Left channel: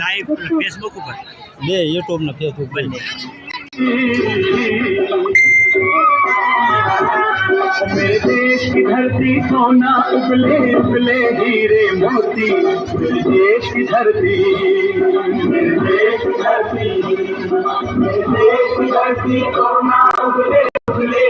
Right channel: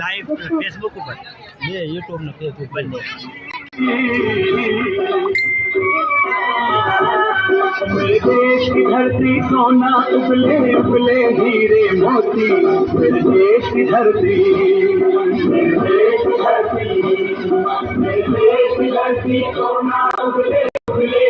Live Facebook ઉપર બે યુટ્યુબ ને ફેસબુક બંને मेरे देश की धरती सोना उबले उबले हीरे मोती मेरे देश की धरती मेरे देश की धरती मेरे देश की धरती सोना उबले उबले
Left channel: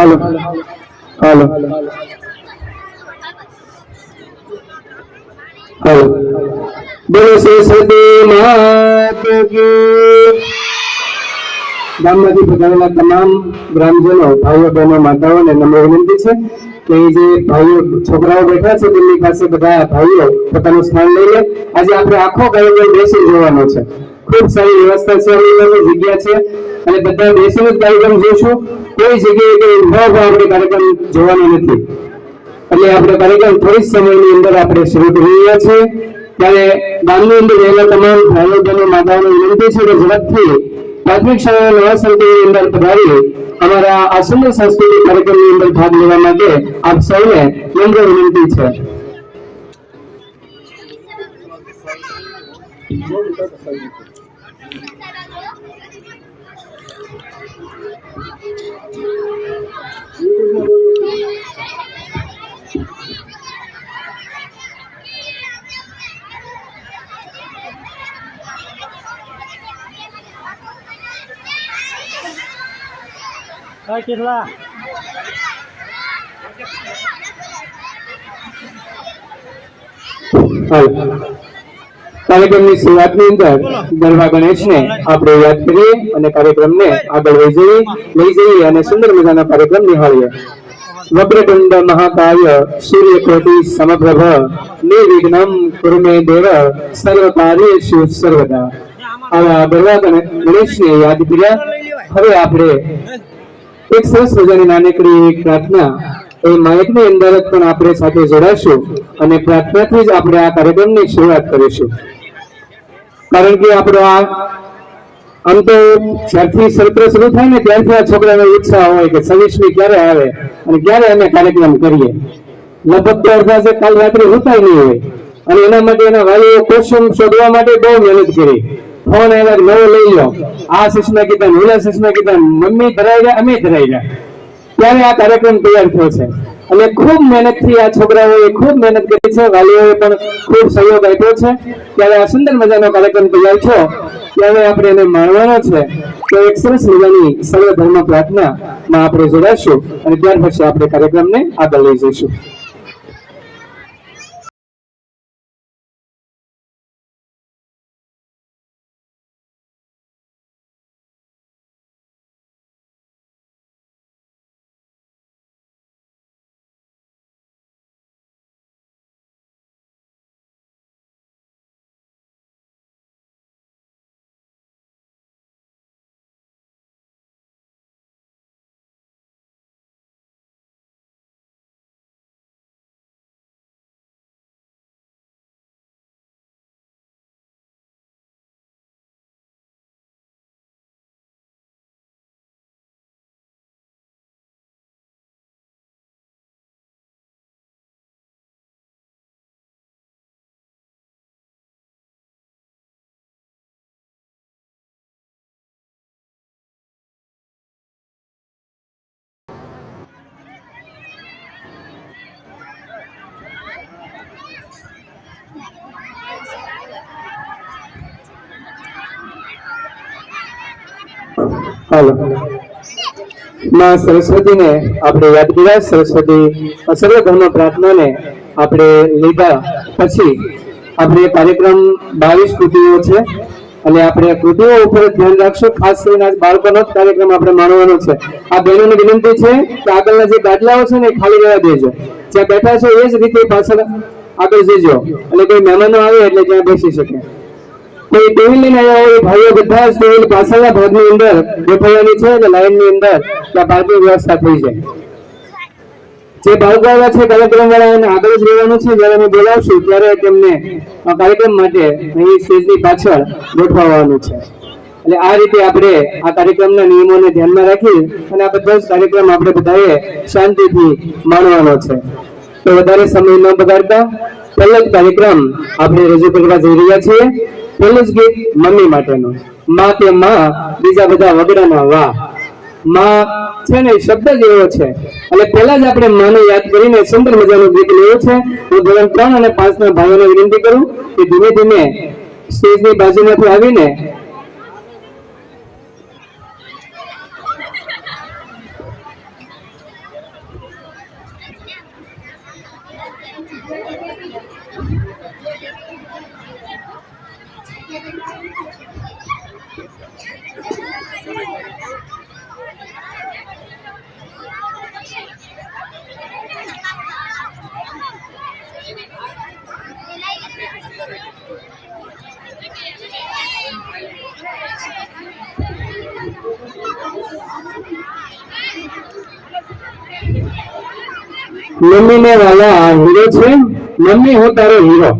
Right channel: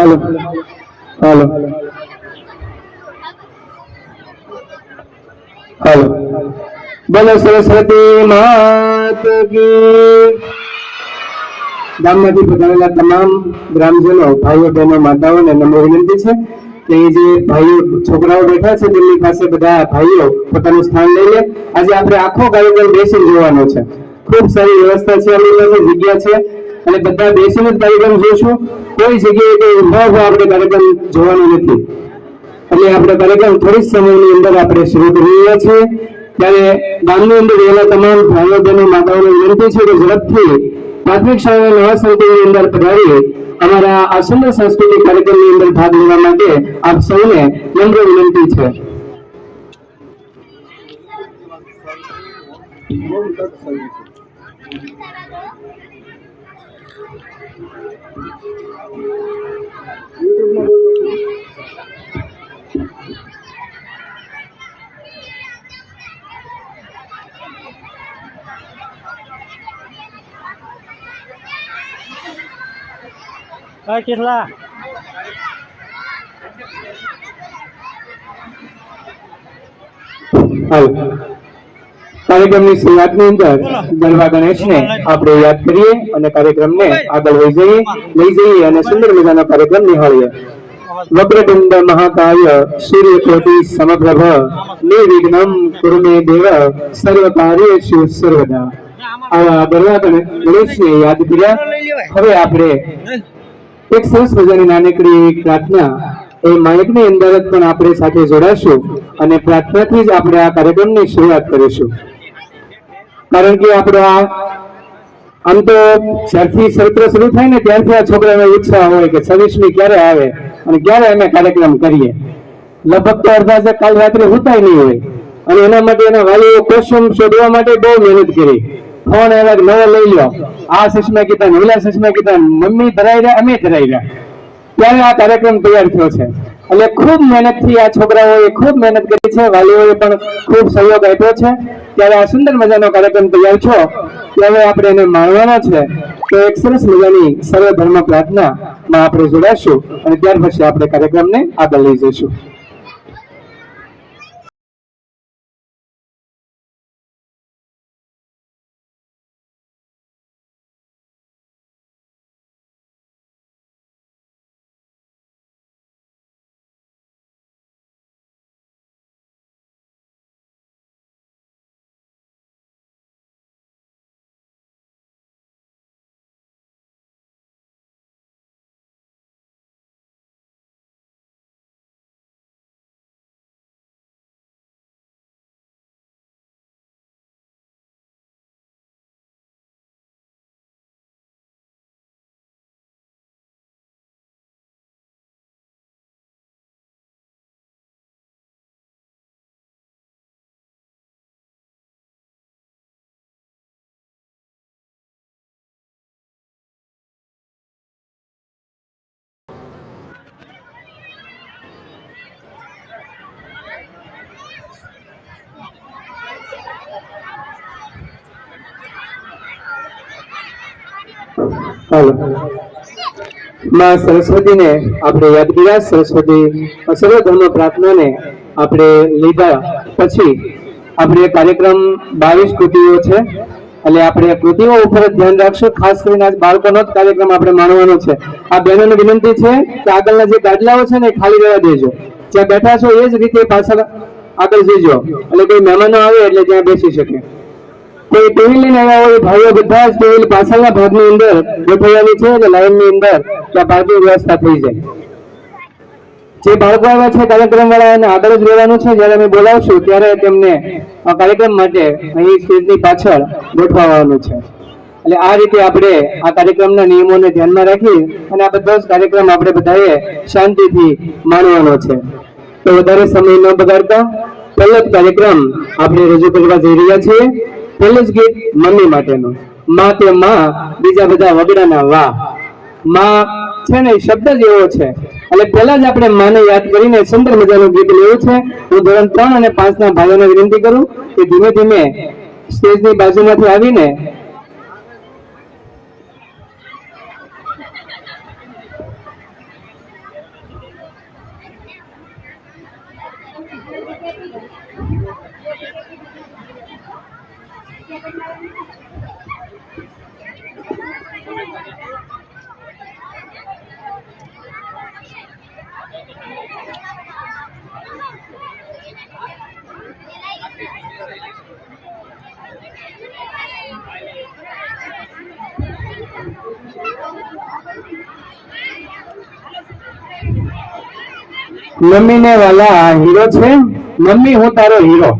हेलो हेलो हेलो बोलो सरस्वती मात की। ગામમાંથી પધારેલા તમામ ગ્રામજનો, ભાઈઓ બહેનો, માતાઓને નમ્ર વિનંતી છે કે જે ભાઈઓ છોકરાઓ બેઠા છે તેમની પાસે બધા ભાઈઓ પોતાનું સ્થાન લઈ લે। આજે આપણે આખો કાર્યક્રમ બેસી જોવાનો છે। ખૂબ સારી વ્યવસ્થા છે, આપણી પાસે જગ્યા છે અને બધા બેસીને જ કાર્યક્રમ જોશું। કોઈ જગ્યાએ કે ઉભા ઉભા આપણે કાર્યક્રમ જોવાનો નથી। એટલે આપણે કાર્યક્રમ થોડી સમયની અંદર આપણે શરૂ કરી રહ્યા છીએ। ત્યારે ગામની અંદર રહેલા તમામ ભાઈઓ બહેનો, માતાઓને વિનંતી છે કે ઝડપથી પ્રાથમિક શાળાના નવા સંકુલની અંદર પધારી અમારા આ સુંદર સાંસ્કૃતિક કાર્યક્રમની અંદર ભાગ લેવા માટે આપ સૌને નમ્ર વિનંતી છે। કેટલા કાર્યક્રમની શરૂઆતની અંદર ગરબા ગણેશને આપણે યાદ કરીએ અને કાર્યક્રમને આગળ લઈ જઈએ અને સુંદર મજાનો કાર્યક્રમ નિહાળીએ। વક્રતુંડ મહાકાય સૂર્યકોટિ સમપ્રભ નિર્વિઘ્નમ કુરુ મે દેવ સર્વ કાર્યેષુ સર્વદા। આવા ગરબા ગણેશને યાદ કર્યા। હવે આપણે એક સરસ મજાની નાનકડી એક પ્રાર્થના એ માઇકની અંદર પણ આપણે સાથે જોડાશું અને પ્રાર્થનાથી જ આપણે આ કાર્યક્રમની શરૂઆત કરીશું। કારણ કે આપણો આમ તો જ્યારથી સત્ર શરૂ થાય ને ત્યારથી આ છોકરાને ઉત્સાહ હોય કે 26મી ક્યારે આવે અને ક્યારે અમે કાર્યક્રમ કરીએ। લગભગ તો અડધા છે કાલ રાત્રે હોતાય નહીં હોય અને એના માટે એના વાલીઓ ક્વેશ્ચન શોધવા માટે બહુ મહેનત કરી। ફોન આવ્યા કે નવો લઈ લો, આ સસમા કીધા ઓલા સસમા કીધા, મમ્મી ધરાઈ રહ્યા, અમે ધરાઈ રહ્યા, ત્યારે આ કાર્યક્રમ તૈયાર થયો છે. એટલે ખૂબ મહેનતથી આ છોકરાઓએ ખૂબ મહેનત કરી છે, વાલીઓએ પણ ખૂબ સહયોગ આપ્યો છે. ત્યારે આ સુંદર મજાનો કાર્યક્રમ તૈયાર થયો, ત્યારે આપણે એને માણવાનો છે. તો એક સરસ મજાની સર્વધર્મ પ્રાર્થનામાં આપણે જોડાશું અને ત્યાર પછી આપણે કાર્યક્રમને આગળ લઈ જઈશું. હાલો, માં સરસ્વતીને આપણે યાદ કર્યા. સરસ્વતી સર્વધર્મ પ્રાર્થનાને આપણે લીધા પછી આપણે કાર્યક્રમ 22 કૃતિઓ છે, એટલે આપણે કૃતિઓ ઉપર ધ્યાન રાખશું. ખાસ કરીને બાળકોનો જ કાર્યક્રમ આપણે માણવાનો છે. આ બહેનોને વિનંતી છે કે આગળના જે ગાદલાઓ છે ને એ ખાલી રહેવા દેજો, જ્યાં બેઠા છો એ જ રીતે પાછળ આગળ જજો, એટલે કઈ મહેમાનો આવે એટલે ત્યાં બેસી શકે. તે ટેબલ લઈને આવ્યા હોય ભાઈઓ બધા જ ટેબલ પાછળના ભાગની અંદર બેઠાવાની છે, એટલે લાઈનની અંદર ત્યાં પાર્કિંગ વ્યવસ્થા થઈ જાય. જે બાળકો આવ્યા છે કાર્યક્રમ વાળાને આગળ જ રહેવાનું છે. જયારે અમે બોલાવશું ત્યારે તેમને કાર્યક્રમ માટે અહીં સ્ટેજની પાછળ ગોઠવવાનું છે. એટલે આ રીતે આપણે આ કાર્યક્રમના નિયમોને ધ્યાનમાં રાખી અને આ બધો જ કાર્યક્રમ આપણે બધાએ શાંતિથી માણવાનો છે. તો વધારે સમય ન બગાડતા પહેલો જ કાર્યક્રમ આપણે રજૂ કરવા જઈ રહ્યા છીએ. પહેલું જ ગીત મમ્મી માટેનું. માં કે માં, બીજા બધા વગડાના વાહ. માં છે ને શબ્દ જ એવો છે, એટલે પહેલા જ આપણે માને યાદ કરીને સુંદર મજાનું ગીત લેવું છે. હું ધોરણ 3 અને 5 ના ભાઈઓને વિનંતી કરું કે ધીમે ધીમે સ્ટેજની બાજુમાંથી આવીને મમ્મી ને વાલા હીરો છે, મમ્મી હું તારો હીરો.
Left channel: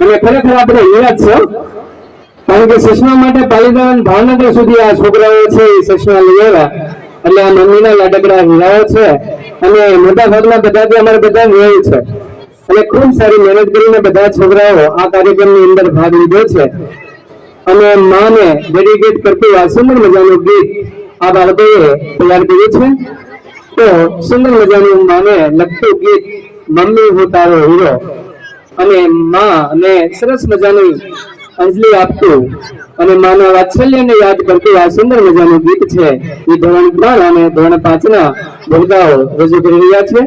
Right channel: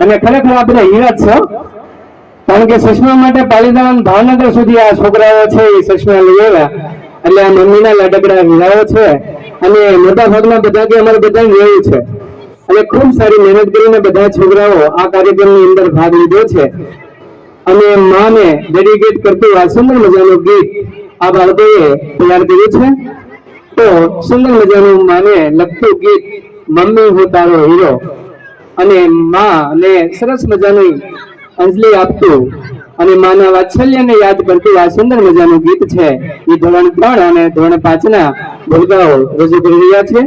અને ખરેખર આપણે હીરા જ છે, કારણ કે સસમા માટે પાલીતાણા ભાવનગર સુધી આ છોકરાઓ છે એ સસમા લઈ આવ્યા, એટલે આ મમ્મીના લાડકડા હીરાઓ છે. અને મોટા ભાગના બધા અમારે બધા રહેવું છે, અને ખૂબ સારી મહેનત કરીને બધા છોકરાઓ આ કાર્યક્રમની અંદર ભાગ લીધો છે. અને માને ડેડિકેટ કરતું આ સુંદર મજાનું ગીત આ બાળકોએ તૈયાર કર્યું છે. તો સુંદર મજાનું માને લગતું ગીત મમ્મી હું તારો હીરો, અને માને સરસ મજાની અંજલિ આપતું અને માના વાત્સલ્યને યાદ કરતું આ સુંદર મજાનું ગીત છે એ ધોરણ 3 અને ધોરણ 5 ના બાળકો રજૂ કરી રહ્યા છે.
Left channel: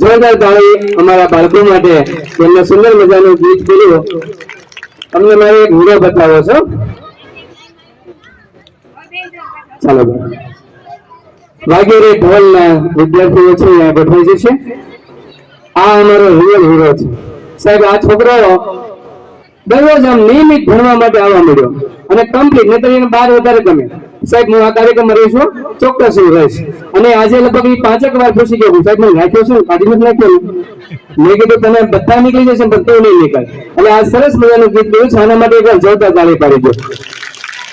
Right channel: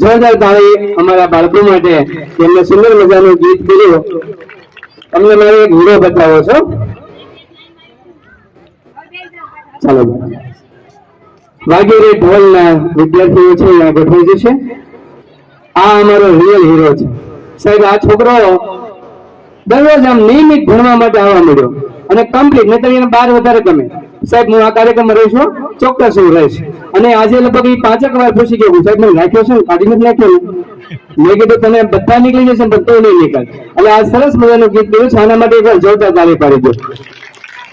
જોરદાર તાળી અમારા બાળકો માટે એમને સુંદર મજાનું ગીત બોલ્યું. તમને મારે એક વિડીયો બતાવો છો. ચાલો વાગેરે ઢોલના વિદ્યાર્થીઓ છે અહીંયા ગોઠવાઈ જશે. આ અમારો રિયલ હીરો છે સાહેબ. આ છોકરો દરરોજ આમ નિયમિત ભણવા માટે આવવા મળ્યો અને કમ્પ્લીટ નહીતર એને 12 વધારે ગમે સાહેબ. હું આ કાર્યક્રમમાં રહીશું, ચોક્કસ હું રહીશ. અને આજે લગભગ 5 વાર પૂછી ગયો સાહેબ મને રાખ્યો છે ને કાઢી નથી નાખ્યો. મેં કીધું તને બધા નીકળી જશે પણ તું નહીં નીકળ. એટલે આ સરસ મજાનું ગીત ગાયું છે. આના માટે એક જોરદાર તાળી પાડી દો.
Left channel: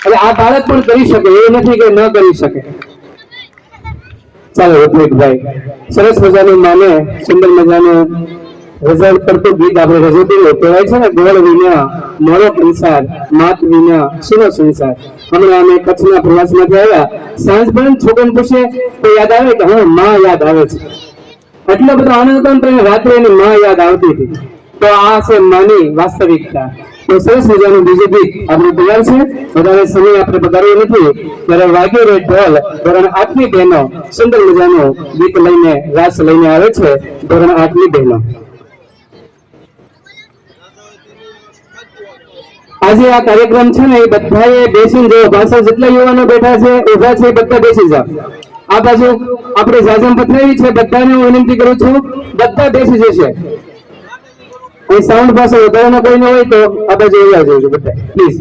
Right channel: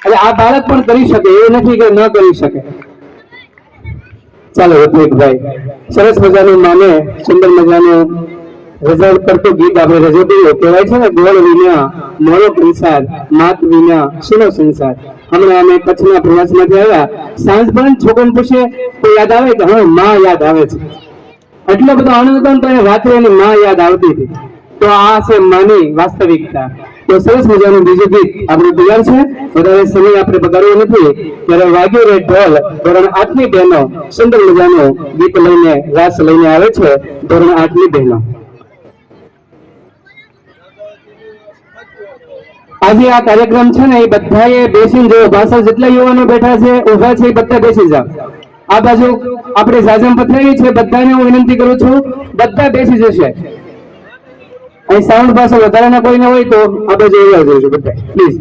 એટલે આ બાળક પણ કરી શકે એવું નથી કે ન કરી શકે. ચાલો રત્નિકભાઈ સરસ મજાનું માને સુંદર મજાનું રિઝલ્ટ કરતું ગીત આપણે રજૂ કર્યું. કહેવાય છે ને ગોળ વિના મોળો સંસાર, માત વિના સુનો સંસાર. હમણાં અમે કચ્છના પ્રવાસમાંથી આવ્યા. સાંજ પણ છોકરાને પૂછે તો યાદ આવે કે હા માં યાદ આવે છે. એટલો બધો આનંદ હતો ને રાત્રે એની માં યાદ આવતી હતી. તો આ છે માની વાસ્તવિકતા. તો સરસ મજાનું બીજું ગીત આપણે તૈયાર છે. વધારે સમય આપણે બગાડવો નથી. ત્યારે વાગ્યો રે ઢોલ ધોરણ 8ની બહેનો સુંદર મજાનું ગીત લઈને રાસ લઈને આવે છે. ધોરણ 8ની બહેનો આજે આ કાર્યક્રમ છે ને એ બધાએ બેસીને જો ભાષા જેટલા યુવાનો બેઠા છે ઉભા છે બધા બેસી જાવ. આ બાજુ આપણે જાજમ પથરાવી છે બધાને હું વિનંતી કરું છું બધા બેસી જશે. અહીં સાઉન્ડ પાસે વધારાના કોઈને હોય તો આ બાજુ આવી આવજો બધા પ્લીઝ.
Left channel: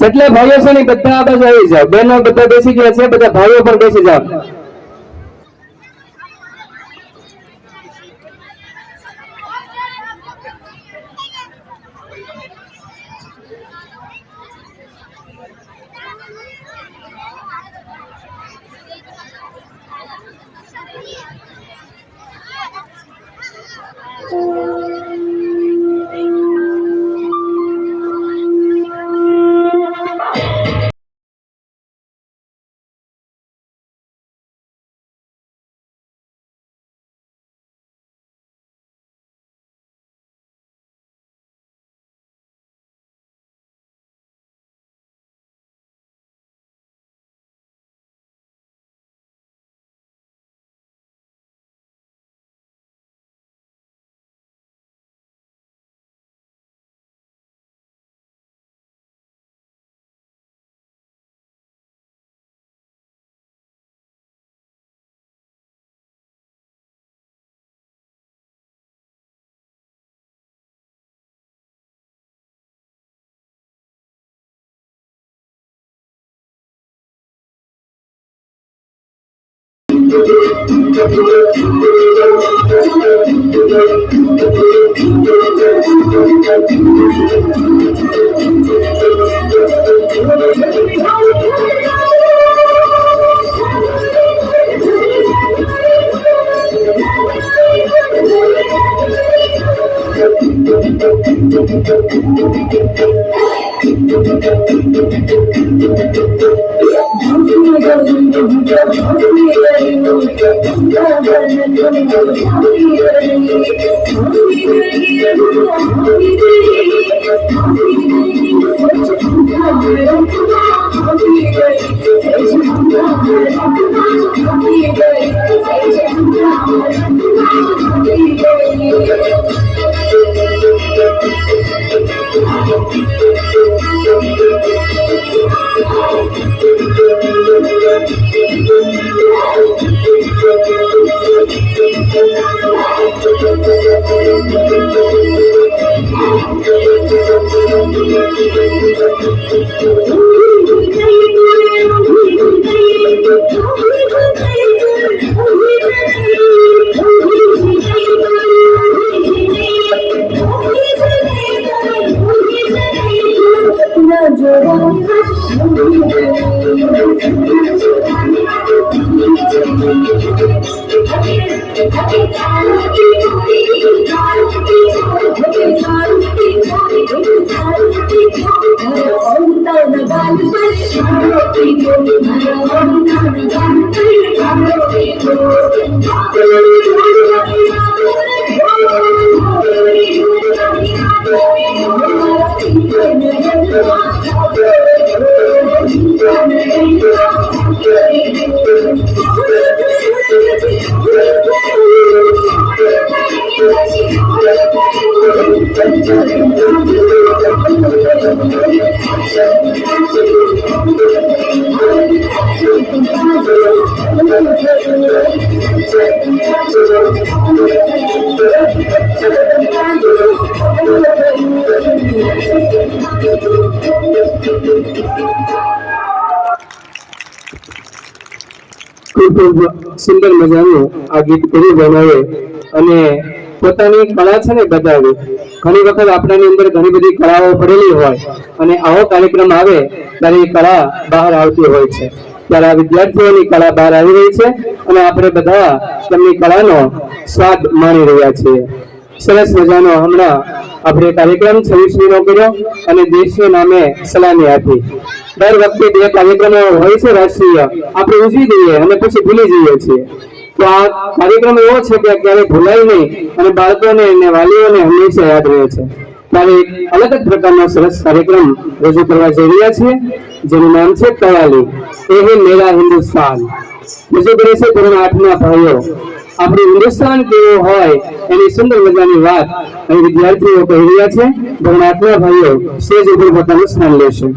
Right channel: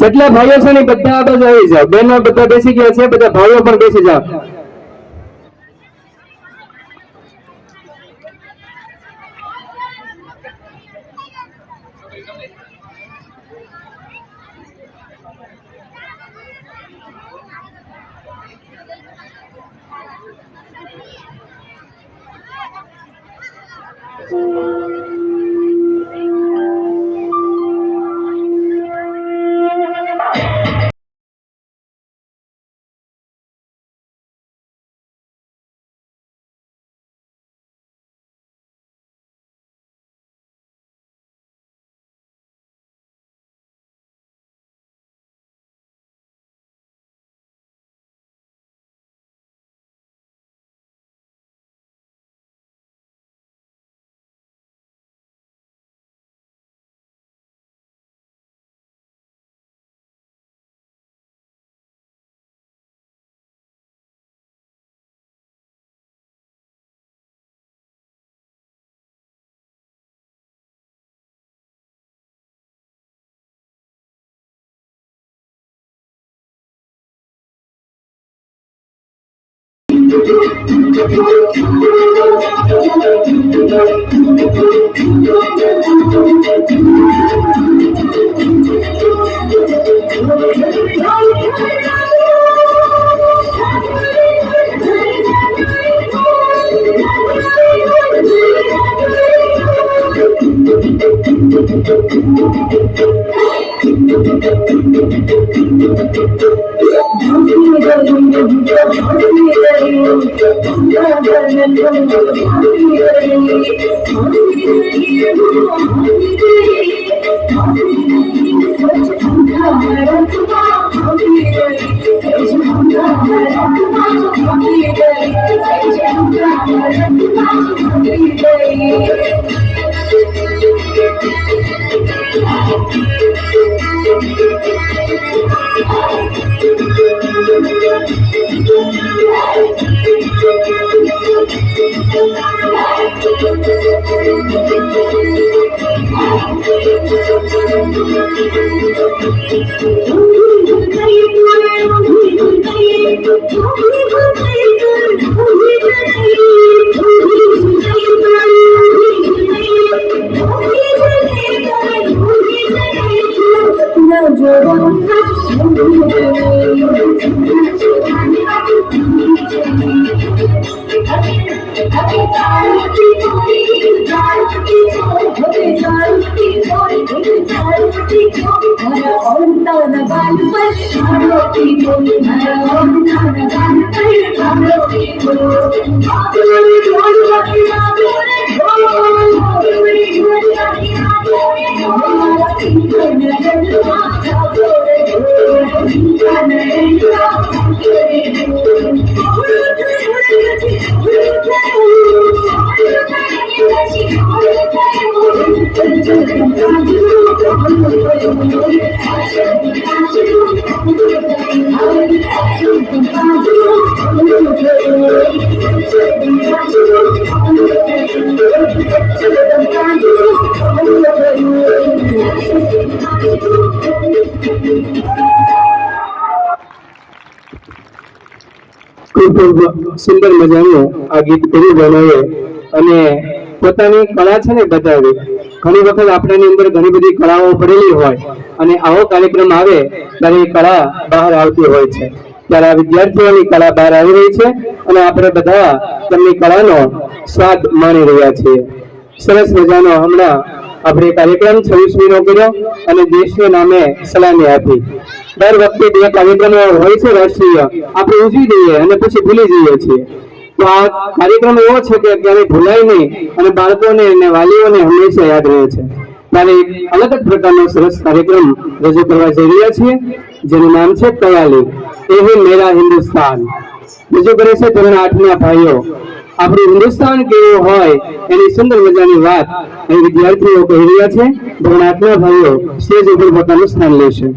જેટલા ભાઈઓ છે ને બધા આ બાજુ આવી જાવ. બહેનો બધા બેસી ગયા છે, બધા ભાઈઓ પણ બેસી જાવ. Thank you. ખૂબ સુંદર મજાનું આ ગીત કરી બહેનોએ અને પોતાની કળા છે ને બતાવી. ઘણી વખત આપણાની અંદર ઘણી બધી કળાઓ પડેલી હોય અને આવો કાર્યક્રમ આવે ત્યારે એ કળા બહાર આવતી હોય છે. ત્યારે આ વિદ્યાર્થીઓની કળા બહાર આવી રહી છે અને આપણે બધા તેમની કળાનો સ્વાદ માણી રહ્યા છીએ. સરસ મજાનો હમણાં આપણે કાર્યક્રમ 26મીનો કર્યો અને દેશના નામે સલામી આપી. દર વખતે બે કાર્યક્રમો હોય છે રાષ્ટ્રીય, આપણે ઉજવી દઈએ અને પછી ભૂલી જઈએ છીએ. તો આ કાર્યક્રમ એવો છે કે ક્યારેય ભૂલાય નહીં અને બાળકોને અને વાલીઓને હંમેશા યાદ રહે છે. ત્યારે એક અલગ જ પ્રકારનો સરસ કાર્યક્રમ રજૂ કરવા જઈ રહ્યા છીએ જેનું નામ છે કયાલી. એ હે મેરા હિન્દુસ્તાન. રજૂ કરે છે ધોરણ 8ના ભાઈઓ. આપણું હિન્દુસ્તાન કેવું હોય એની સુંદર મજાની વાત અહીં વિદ્યાર્થીઓ કહી રહ્યા છે. ધોરણ 8ના ભાઈઓ સ્ટેજ ઉપર પોતાનું સ્થાન લેશે.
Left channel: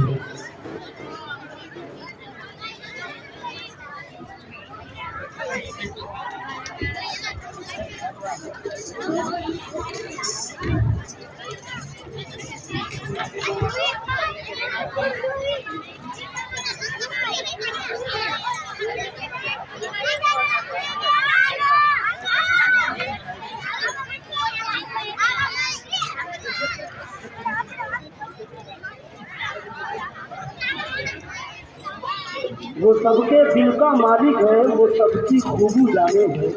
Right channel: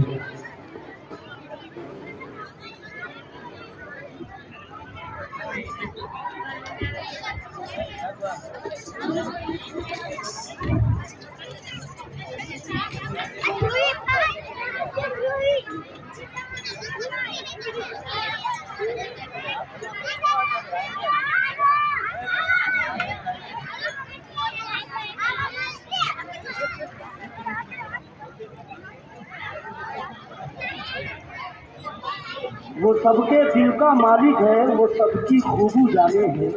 वो सबके दिल का मालिक है, वो सबकी खूबी जाने है।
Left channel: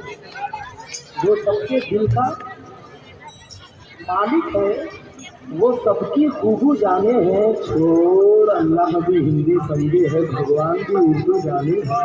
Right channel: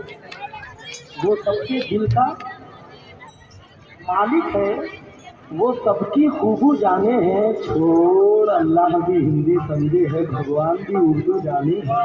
वो सबके दिल का मालिक है, वो सबकी खूबी जाने हैं। छोड़ अल्लाह भी हिंदी समझे है, भगवान भी उर्दू जाने है।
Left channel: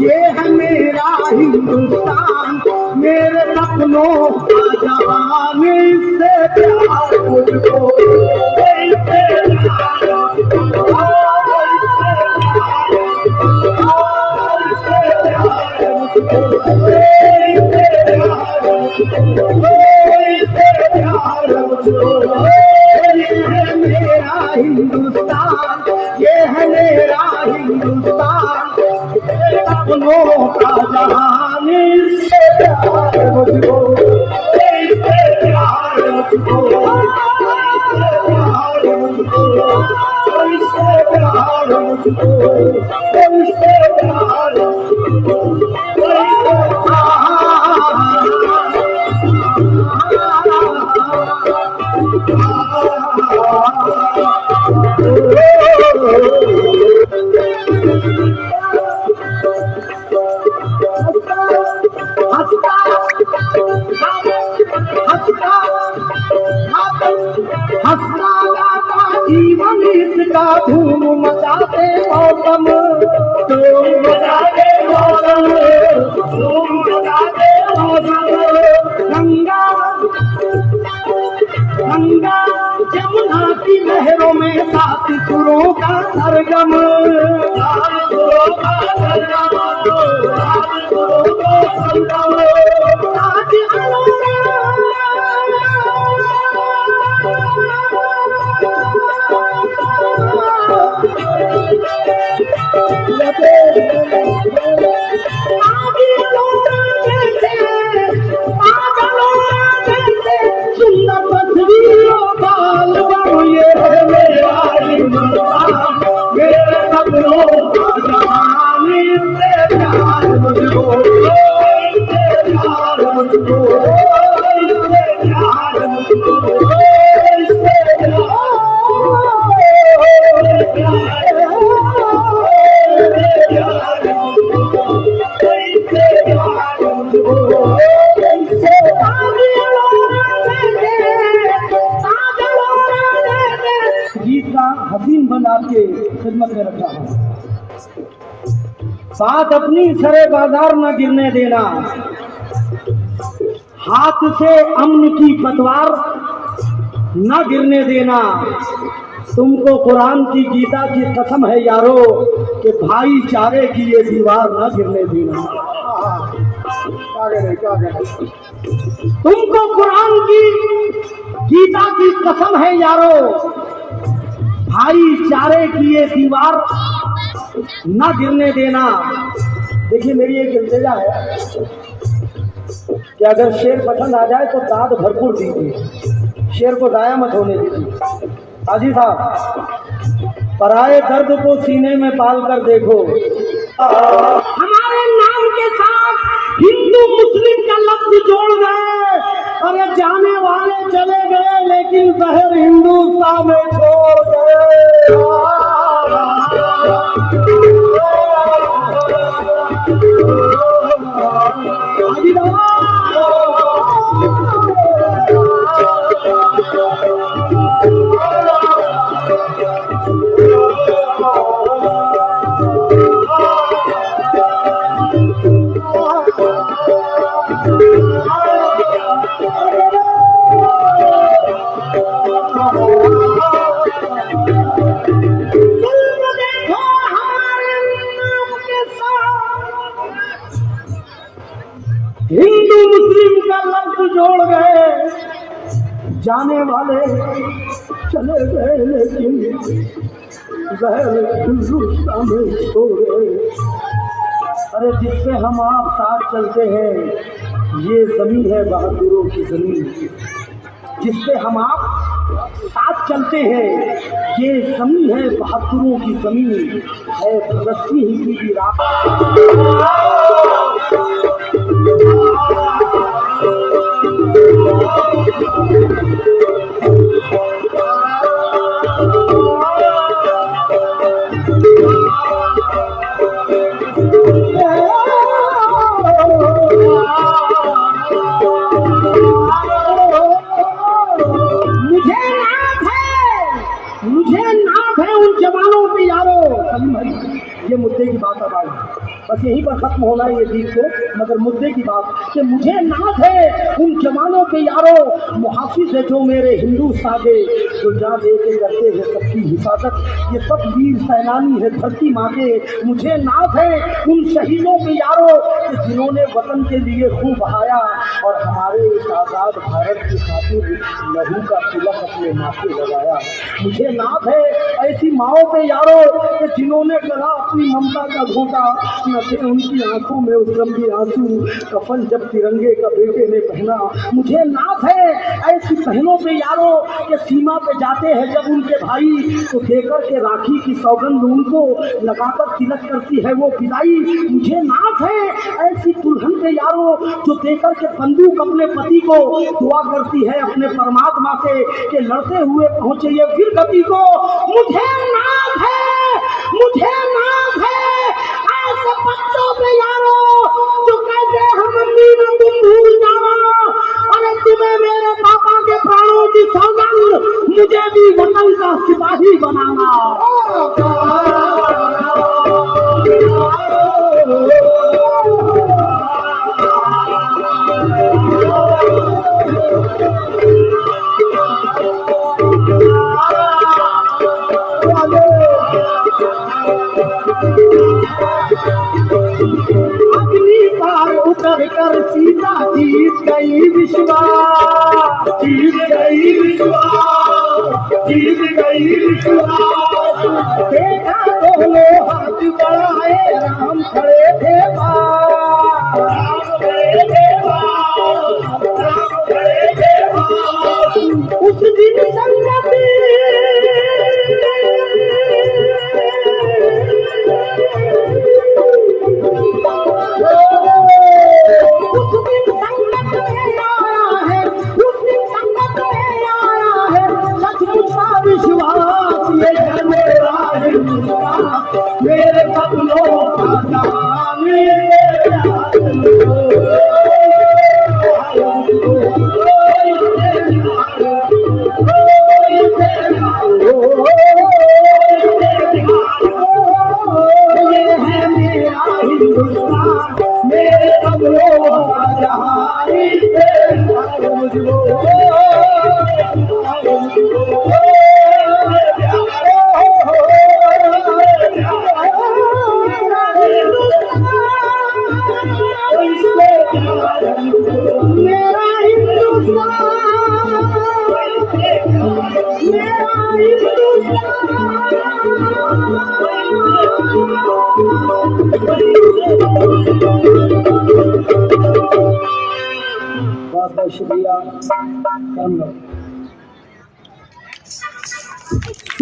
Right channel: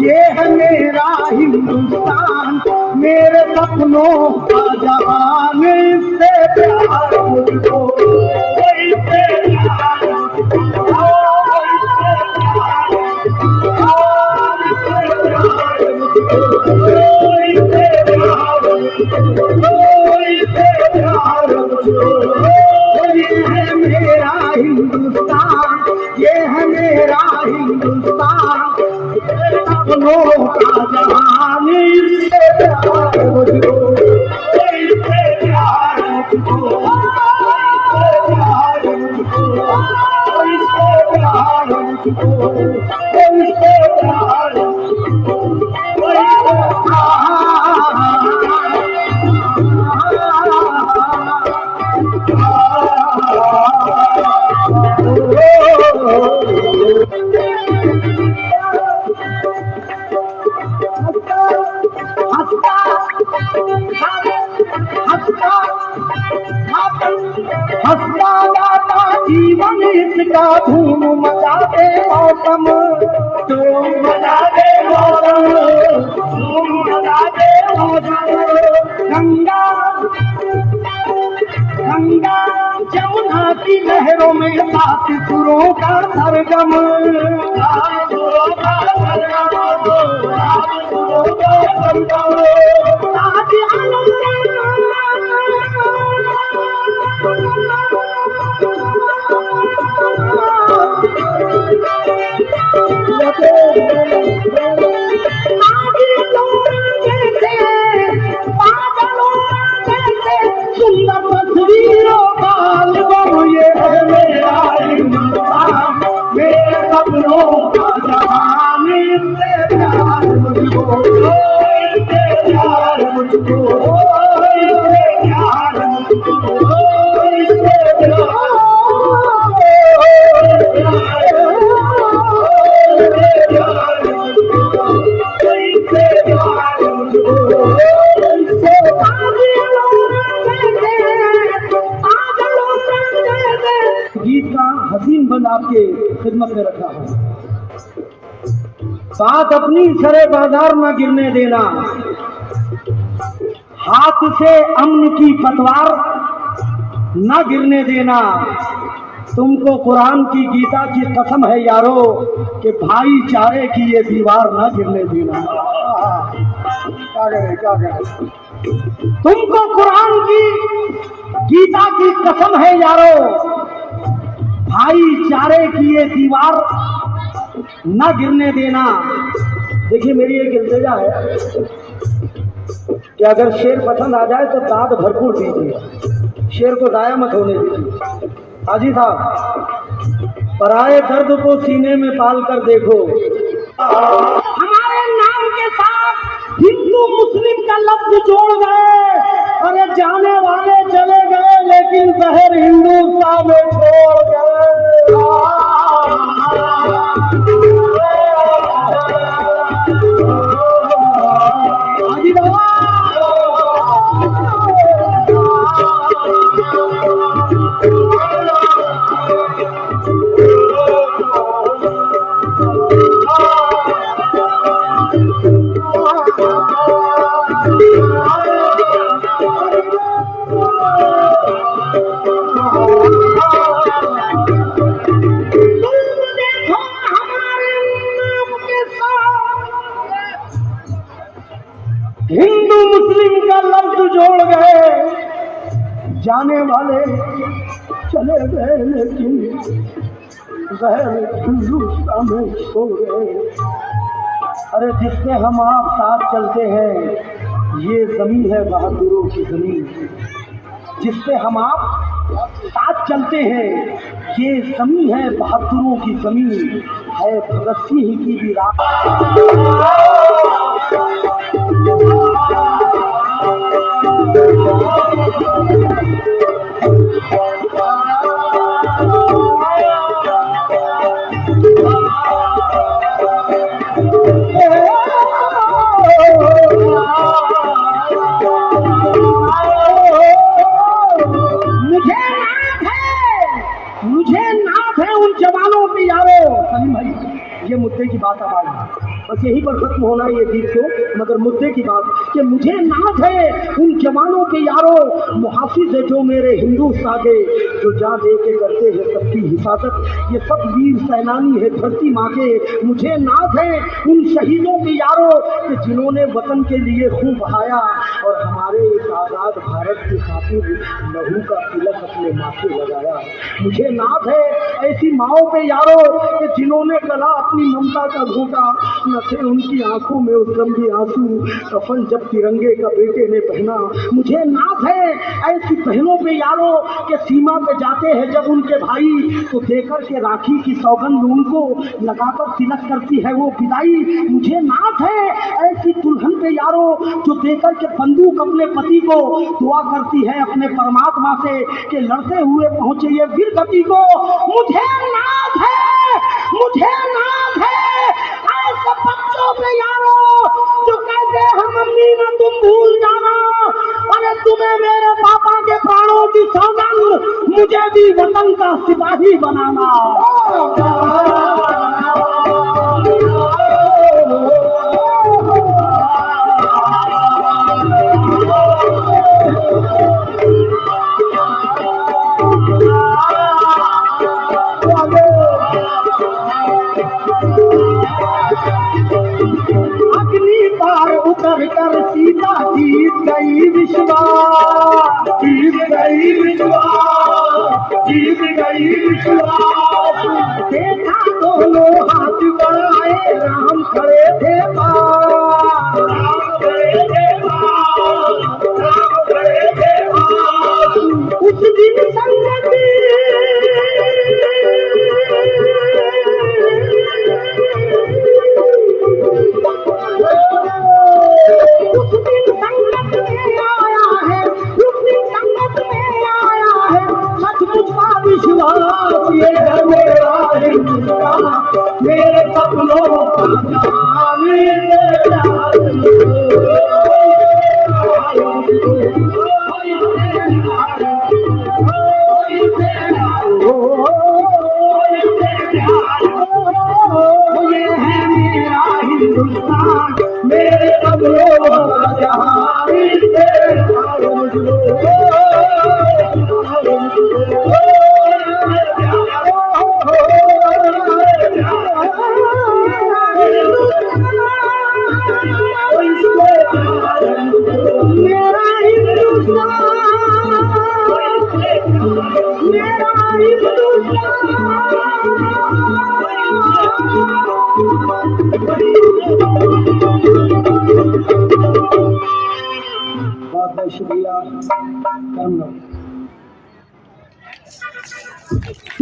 ये है मेरा हिंदुस्तान, मेरे सपनों का जहान। इससे प्यार मुझको, इससे प्यार मुझको, इससे प्यार मुझको, इससे प्यार मुझको, इससे प्यार मुझको। ये है मेरा हिंदुस्तान, ये है मेरा हिंदुस्तान, सपनों का जहान। इससे प्यार मुझको, इससे प्यार मुझको, इससे प्यार मुझको, इससे प्यार मुझको, इससे प्यार मुझको। जीवन इसका धूम मचाते मौसम, धूम मचाते मौसम, धूम मचाते मौसम। गंगा गंगा जमुना की लहरों में सात सुरों का सरगम, सात सुरों का सरगम, सात सुरों का सरगम। साथ मुझको, इससे प्यार मुझको, इससे गीत का हसीन बन आपके खिदमत में रखा है। बात अपनी सरे बाजार न गिरने देना, हाथ से अमन की पतवार न गिरने देना। तुमको कुरान की गीता की कसम है यारो कि भाईचारे की ये दीवार न गिरने देना। तुमको कुरान की गीता की कसम है यारो, भाईचारे की ये दीवार न गिरने देना। देखिए मेरी एक इल्तिजा है कि अगर शेर पसंद आ जाए तो दाद भरपूर दीजिए, शेर को जाया मत होने दीजिए। हाजी साहब, पराए दर्द को सीने में पाल कर देखो। हमारे नाम के साथ हिंदू मुस्लिम का लफ्ज जोड़ गए। अरे जाने वाले चले गए लेकिन शहर हिंदुस्तान में छोड़ गए। हाजी बाबा, हिंदू मुस्लिम का लफ्ज जोड़ गए। जाने वाले चले गए लेकिन शहर हिंदुस्तान में छोड़े। अरे जिससे हम आप साथ चलते हैं ये जमीन है बहादुरों की जमीन। जिससे हम आप साथ चलते हैं ये जमीन है बहादुरों की जमीन। है भगत सिंह की भी राह। मुझे नाज है उन जवानों पे यारो। सलीम भाई, ये मुद्दे की बात अब आई, बस यहीं पर खत्म होना है ये गीत को। मगर मुद्दे की बात कि मुझे नाज है उन जवानों पे यारो, मुहाफिज है जो मेरे हिंदू सागे, जो जान दे के करते हैं सबकी हिफाजत। ये सब वीर सैनानी है धरती माँ के। मुझे नाज है उन शहीदों पे यारो कि जिन्होंने वतन के लिए खून बहाया और हमारे इस आज़ाद भारत की खातिर लहू का तिलक अपने माथे लगाया। मुझे नाज है ऐसी माओं पे यारो कि जिन्होंने गला अपनी ममता का घोटा, न थे उनकी आंखों में उस लंबी आंसू, कफन जब तिरंगे का बेटे ने पहना। मुझे नाज है ऐसी बहनों पे यारो कि सीमा पे जाते हैं जब उनके भाई, तो देकर के राखी की सौगंध उनको लगाकर तिलक करती है वो विदाई। मुझे नाज है ऐसी दुल्हन पे यारो जो देकर के बंदूक अपने पति को दुआ करती है अपने परमात्मा से कि लड़ते हुए पहुंचे ये वीर गति को। मुझे नाज है ऐसे बच्चों पे यारो जो कहते हैं मम्मी ने तुम भूल जाना। अरे तुम्हें मेरे पापा के प्राणों की सौगंध, मुझे भी वतन का सिपाही बनाना। अग्नि पार उतर कर सीता जीत गई विश्वास, देखा दोनों हाथ बढ़ाए राम खड़े थे उस दिन संगति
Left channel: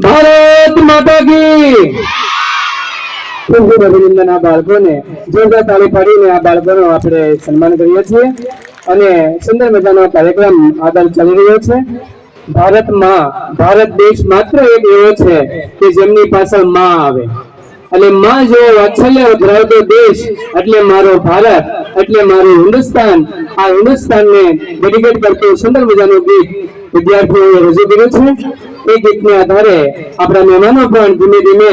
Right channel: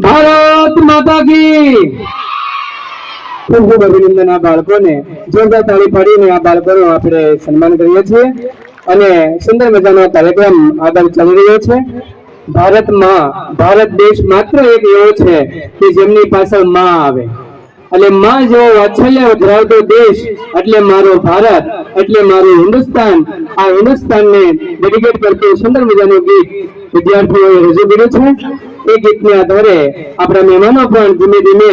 ભારત માતા કી ખૂબ ખૂબ અભિનંદન આ બાળકોને જોરદાર તાળી પાડીને આ બાળકોનું આપણે સન્માન કરીએ છીએ અને સુંદર મજાનો કાર્યક્રમ આગળ ચાલી રહ્યો છે ભારતમાં ભારત દેશ માત્ર એક એવો છે કે જેમની પાછળ માં આવે એટલે માં જો વાત્સલ્ય ધરાવતો દેશ એટલે મારો ભારત એટલે મારું હિન્દુસ્તાન આ હિન્દુસ્તાનને ડેડિકેટ કરતું સુંદર મજાનું ગીત વિદ્યાર્થીઓએ રજૂ કર્યું છે એ ગીતને આધારે આપણા મહેમાનો પણ ધીમે ધીમે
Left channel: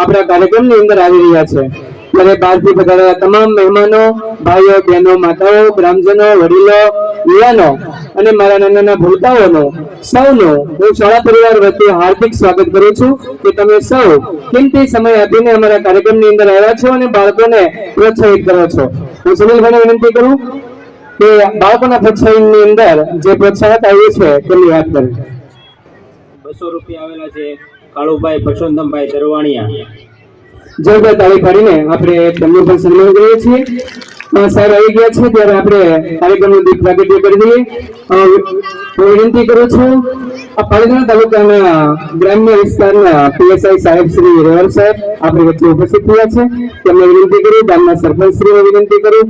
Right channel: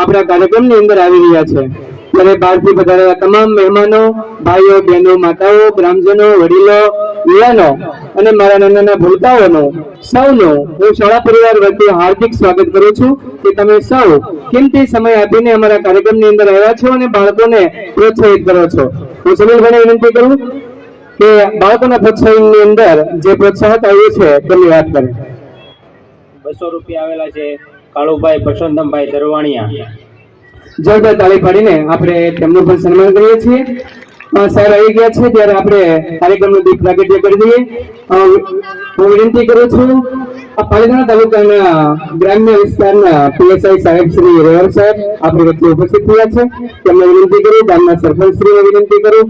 આપણા કાર્યક્રમની અંદર આવી રહ્યા છે ત્યારે બહારથી પધારેલા તમામ મહેમાનો ભાઈઓ બહેનો માતાઓ ગ્રામજનો વડીલો યુવાનો અને મારા નાના ભૂલકાઓનું સૌનું હું શાળા પરિવાર વતી હાર્દિક સ્વાગત કરું છું કે તમે સૌ કિંમતી સમય આપીને અમારા કાર્યક્રમની અંદર આવ્યા છો અને બાળકોને પ્રોત્સાહિત કરો છો હું સુનિલભાઈને વિનંતી કરું કે બાળકોના પ્રોત્સાહનની અંદર જે પ્રોત્સાહક આવ્યું છે તેમની વાત કરે. 200 રૂપિયા આવેલા છે કાળુભાઈ પરસોત્તમભાઈ દરવાણિયા. જોરદાર તાળી પાડીને આપણે તેમનું પણ સન્માન કરીએ છીએ. સર આવી ગયા છે ત્યારે આપણે કાર્યક્રમનું દીપ પ્રાગટ્ય કરી દઈએ. હું વિનંતી કરું છું આ પાલીતાણા તાલુકાના ગ્રામ્ય વિસ્તારના પીએસઆઈ સાહેબ શ્રી રેવલ સાહેબ આપણી વચ્ચે ઉપસ્થિત થયા છે તેમને વિનંતી કરું ગામના સરપંચ શ્રીને વિનંતી કરું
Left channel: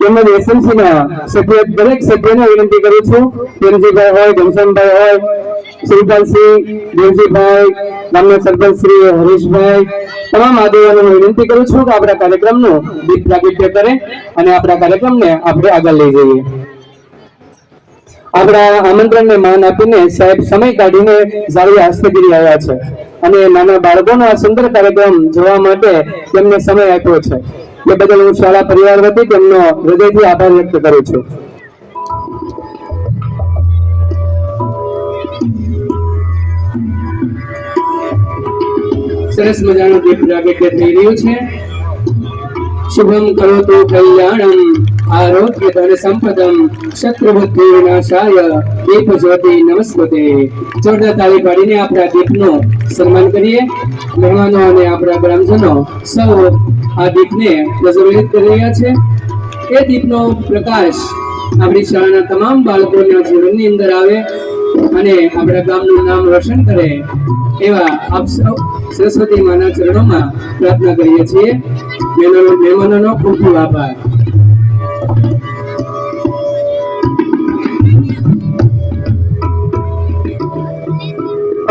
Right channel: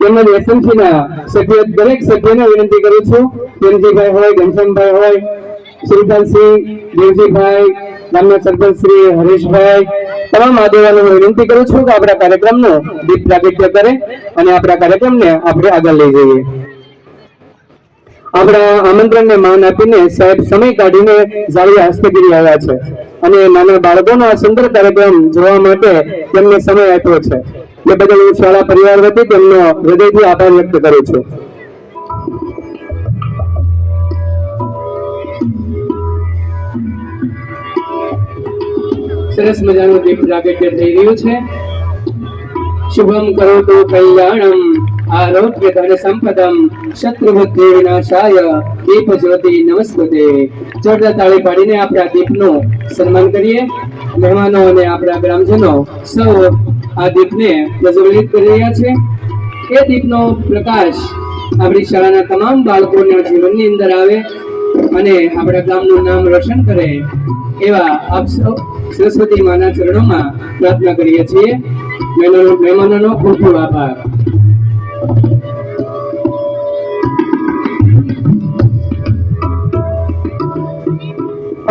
તેમજ એસએમસી ના સભ્ય દરેક સભ્યને વિનંતી કરું છું પ્રેમજીભાઈ હોય ઘનશ્યામભાઈ હોય શ્રીપાલસિંહ દેવજીભાઈ ગામના સરપંચ શ્રી હરીશભાઈ તમામ આગેવાનોને વિનંતી કરું છું કે આપણા કાર્યક્રમનું દીપ પ્રાગટ્ય કરે અને આપણા કાર્યક્રમને આપણે આગળ લઈ જઈએ. આપણા આમંત્રણને માન આપીને સાહેબ સમય કાઢીને જાળવી હસ્તગીરી આવ્યા છે અને નાના બાળકોનો આ સુંદર કાર્યક્રમ જોવા માટે તેમને સમય આપ્યો છે એ બદલ હું શાળા પરિવાર વતી તેમનો હૃદયથી આભાર વ્યક્ત કરું છું. સરસ મજાનું દીપ પ્રાગટ્ય થઈ રહ્યું છે. શુભમ કરોતુ કલ્યાણમ આરોગ્ય ધન સંપદમ શત્રુબુદ્ધિ વિનાશાય દીપ જ્યોતિ નમસ્તે. જોરદાર તાળી પાડીને આપણા દીપનું સન્માન કરીએ. મહેમાનો અને આપણા ગ્રામજનો સૌ આ દીપને પ્રજ્વલિત કરી રહ્યા છે. એ દીપનો પ્રકાશ આપણી શાળાના તમામ બાળકોના જીવનની અંદર આવે અને આપણા ગામનું નામ રોશન કરે એવા આપ સૌ સરસ્વતી માના ચરણોમાં પ્રાર્થના કરીએ છીએ. મહેમાનોનો ખૂબ ખૂબ આભાર.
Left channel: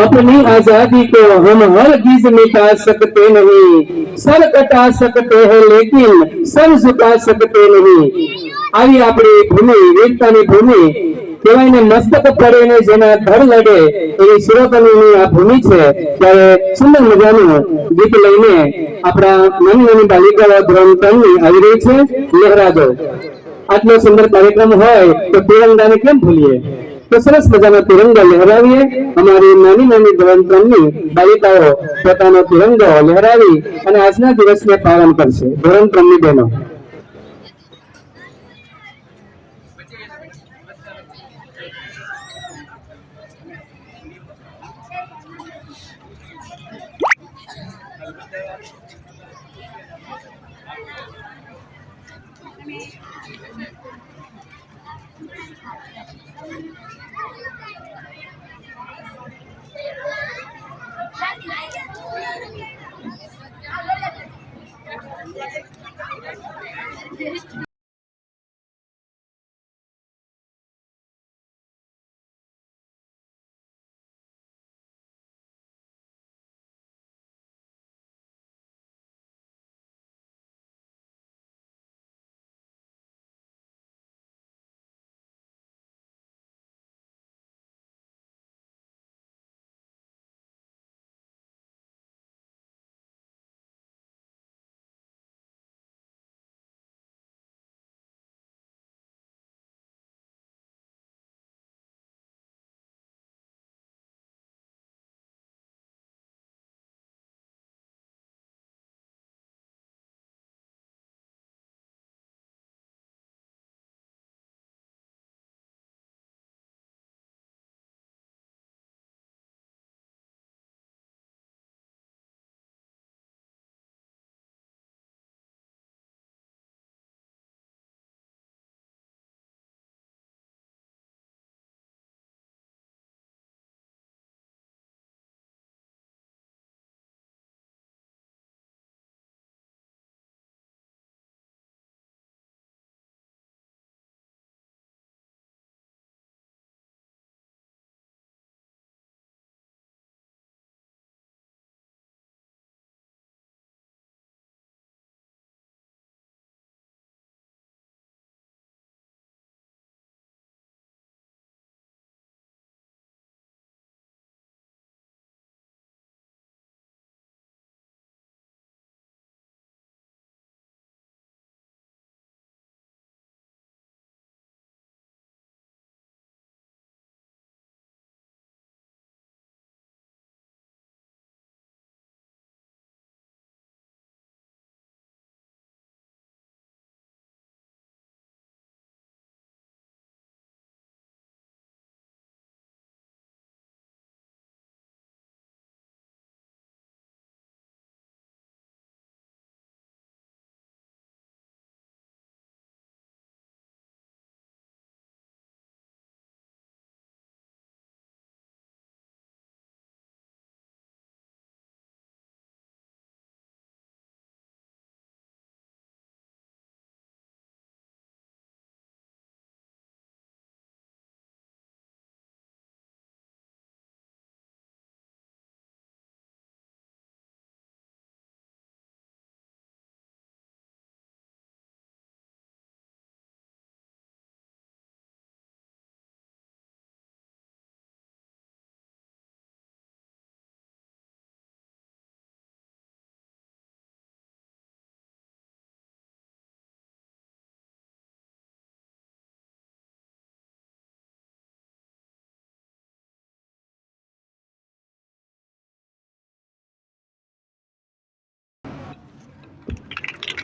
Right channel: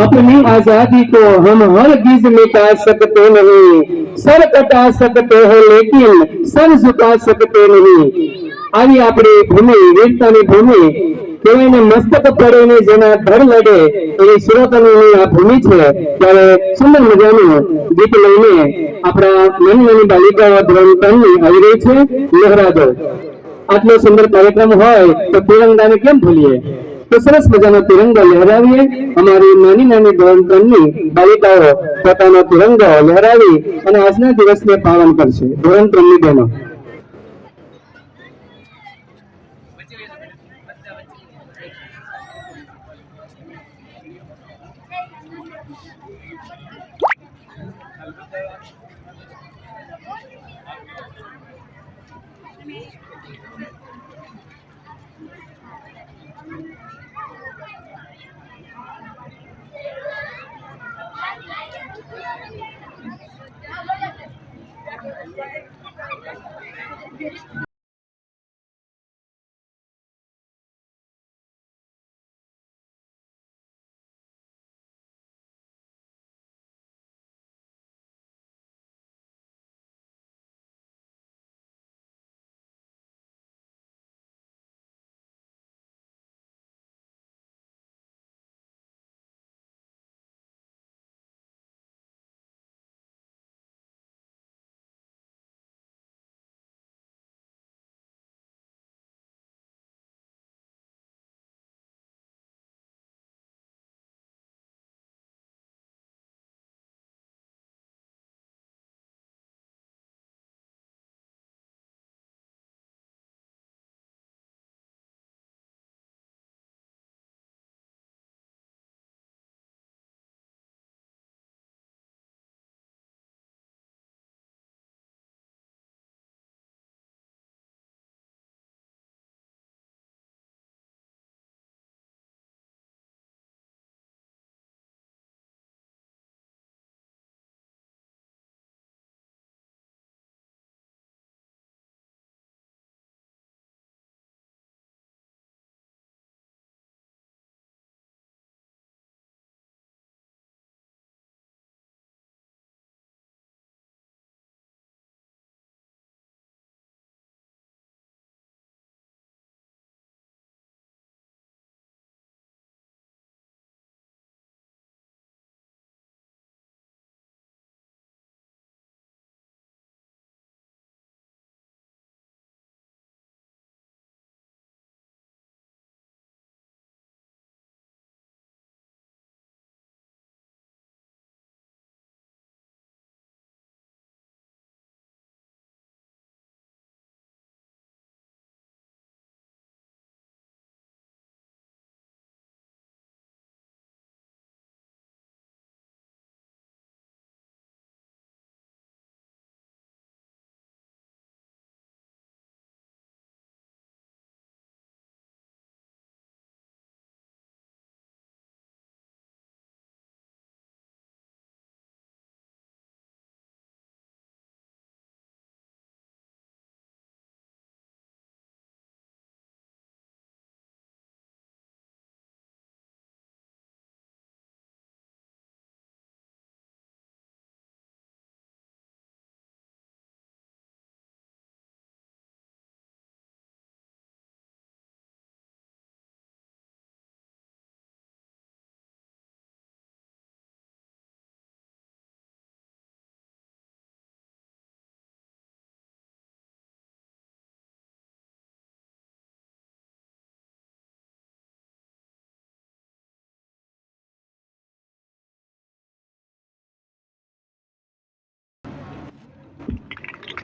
अपनी आजादी को हम हरगिज मिटा सकते नहीं, सर कटा सकते हैं लेकिन सर झुका सकते नहीं. આવી આપણી ભૂમિ વીરતાની ભૂમિ કહેવાય ને મસ્તક પડે જેના ધડ લડે એવી શિરોતનીની આ ભૂમિ છે. ત્યારે સુંદર મજાનું ગીત લઈને આપણા નાની નાની બાલિકાઓ ધોરણ 3 ની આવી રહી છે લહેરાજો. આટલો સુંદર કાર્યક્રમ હોય તો તિરંગાને કેમ ભૂલીએ? તો સરસ મજાનો તિરંગો લહેરાવીએ. અમારી નાની નાની ધોરણ 3 ની બાલિકાઓ પોતાનો તિરંગો લહેરાવી અને આજના દિવસને પાલન કરશે. ધોરણ 3 ની બહેનો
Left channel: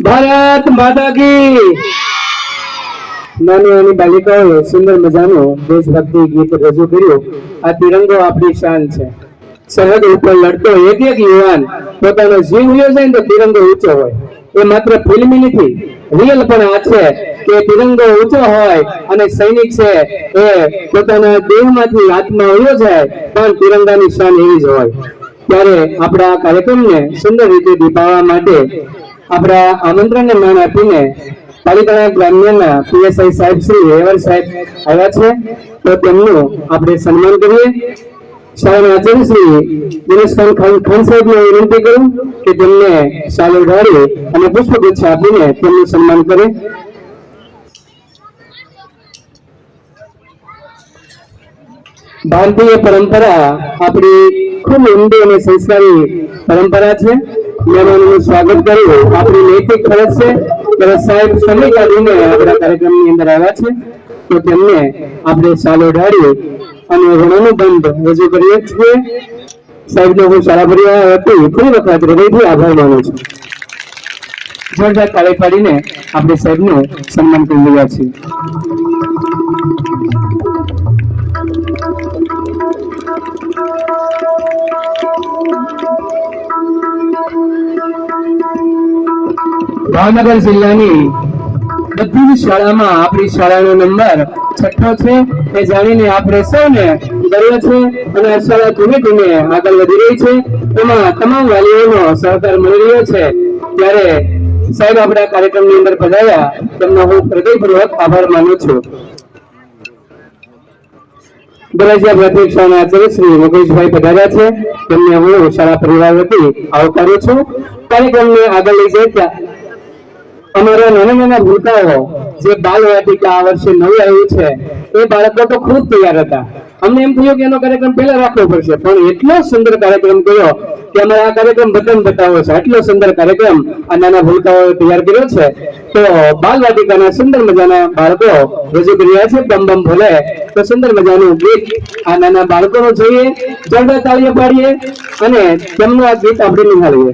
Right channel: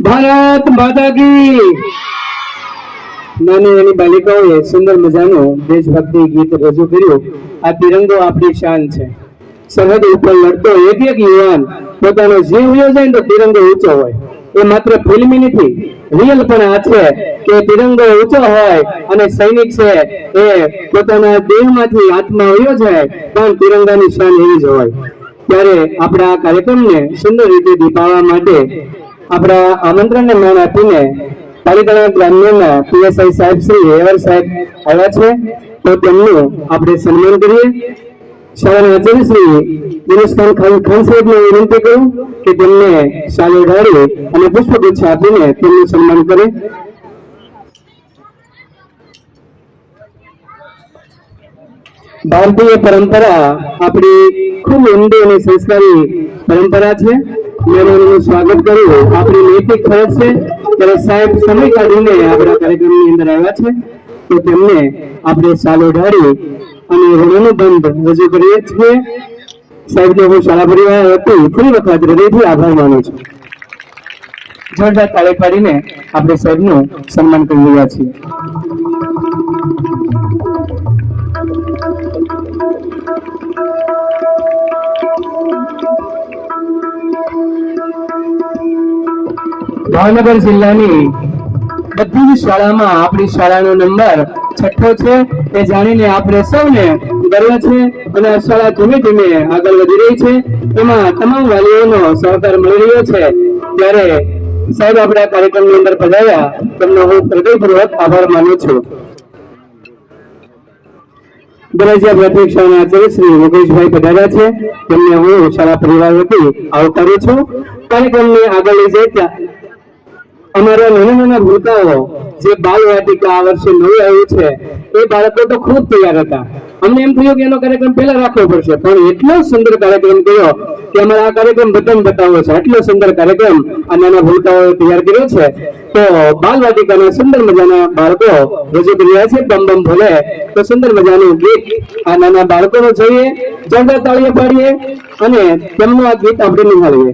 ભારત માતા કી નાની નાની બાલિકાઓએ સુંદર મજાનું દેશભક્તિ ગીત રજૂ કર્યું. આ તિરંગો આપણી શાન છે. સરહદ ઉપર લડતો એક એક યુવાન પોતાનો જીવ વયો જાય ને તો તિરંગો ઊંચો હોય. એ માત્ર ફિલ્મી નથી, રિયલ પણ આ છે કે તિરંગો ઊંચો હોય અને સૈનિક છે એ પોતાના દેહમાંથી આત્મા વયો જાય પણ તિરંગાની શાન એવી જ હોય. ત્યારે આપણા કાર્યક્રમને સુંદર રીતે દીપાવવા માટે આપણા આમંત્રણને માન આપીને તાલીતળા ગ્રામ્યના પીએસઆઈ સાહેબ શ્રી એવર સાહેબ આવ્યા છે, તો તેમનું આપણે સન્માન કરીએ. શાળાના આચાર્ય શ્રી દિનેશ ખાન સાહેબને વિનંતી કરું કે તેમને શાલ ઓઢાડી અને પુષ્પગુચ્છ આપીને તેમનું સન્માન કરે. ભારતીય પરંપરા આપણી ખૂબ ઊંડી અને સંસ્કારી પરંપરા છે. મહેમાનોનું સ્વાગત કરવું આપણી નૈતિક ફરજ છે. ત્યારે સાહેબ સમય કાઢીને આપણા કાર્યક્રમની અંદર આવ્યા છે, તો તેમને આપણે શાલ ઓઢાડી અને ઋણાનુબંધ રજૂ કરીએ છીએ. સાહેબને હું શાળા પરિવાર વતી ફરી વખત હૃદયથી આભાર માનું છું. જોરદાર તાળી પાડીને આપણે સાહેબનું સન્માન કરી રહ્યા છીએ. ભાવનગર જિલ્લાની બધી જ શાળામાં આપણી શાળાનો નંબર 6 છે એ જાણીને આપણે સૌને ગર્વ છે અને આ શાળા ધીમે ધીમે આગળ વધી રહી છે. એમાં તમામ વાલીઓનો સહકાર મળી રહ્યો છે. ત્યારે સાહેબ આપણા કાર્યક્રમની અંદર પધાર્યા, તેમનો હું હૃદયપૂર્વક આભાર માનું છું. ગરજિયા પ્રાથમિક શાળાના આચાર્ય શ્રી મુકેશભાઈ પધાર્યા છે, તેમને હું શાળા પરિવાર વતી આવકારું છું. કાર્યક્રમને આગળ લઈ જતા અમારા નાના નાના ભૂલકાઓ જે બાલ વાટિકા આ વર્ષે નવું આવ્યું છે એ બાળકો તો ખૂબ તૈયાર હતા. અમને એમ થયું કે એનો કાર્યક્રમ પહેલા રાખવો પડશે, પણ એટલો સુંદર કાર્યક્રમ કર્યો કે અમારે આ કાર્યક્રમ બધાને બતાવવો છે. આટલો સુંદર કાર્યક્રમ આ નાના ભૂલકાઓ તૈયાર કર્યો છે. તો બાલ વાટિકાના સુંદર મજાના બાળકો રજૂ કરી રહ્યા છે. બમ બમ ભોલે તો સુંદર મજાનું ગીત આ નાના બાળકોનું જોઈએ, જોરદાર તાળીઓ પાડીએ અને તેમનું આ ગીત આપણે નિહાળીએ.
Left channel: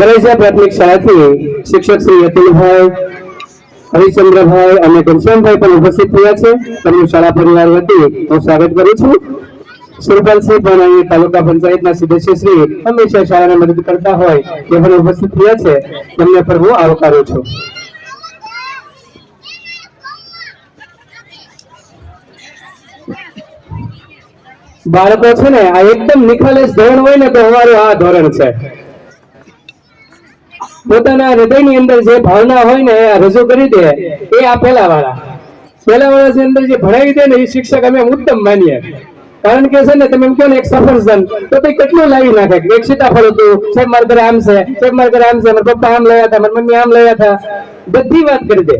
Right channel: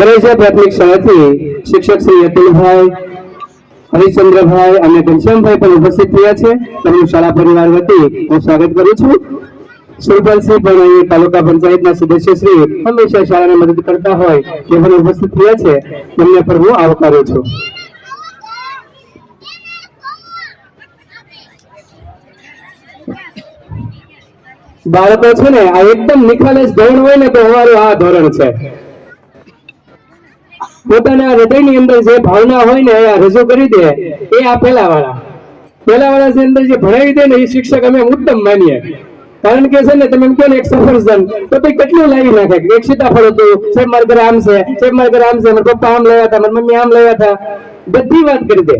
ગરજિયા પ્રાથમિક શાળાથી શિક્ષક શ્રી અતુલભાઈ, હરિચંદ્રભાઈ અને ઘનશ્યામભાઈ પણ ઉપસ્થિત થયા છે. તેમનું શાળા પરિવાર વતી હું સ્વાગત કરું છું. સુરપાલસિંહ પણ અહીં તાલુકા પંચાયતના સદસ્ય શ્રી હંમેશા શાળાને મદદ કરતા હોય તે પણ ઉપસ્થિત થયા છે, તેમને પણ હું આવકારું છું. બાળકો છે ને આ એકદમ નિખાલસ ધોરણ હોય ને તો અમારું આ ધોરણ છે. પોતાના હૃદયની અંદર જે ભાવના હોય ને એ રજૂ કરી દે એ આ પહેલા વાળા ની અંદર જે ભણાવી દે ને એ શિક્ષક અમે ઉત્તમ માનીએ. કારણ કે છે ને તમે એમ કહો ને એક સફરજન તો તે કેટલું લાવી નાખે, એક સીતાફળ હતું, સાહેબ મારા ઘરે આમ છે, સાહેબ મારા ઘરે આમ છે, મારા પપ્પા આમ લયા હતા, મારી મમ્મી આમ લયા હતા, બધી વાત કરી દે.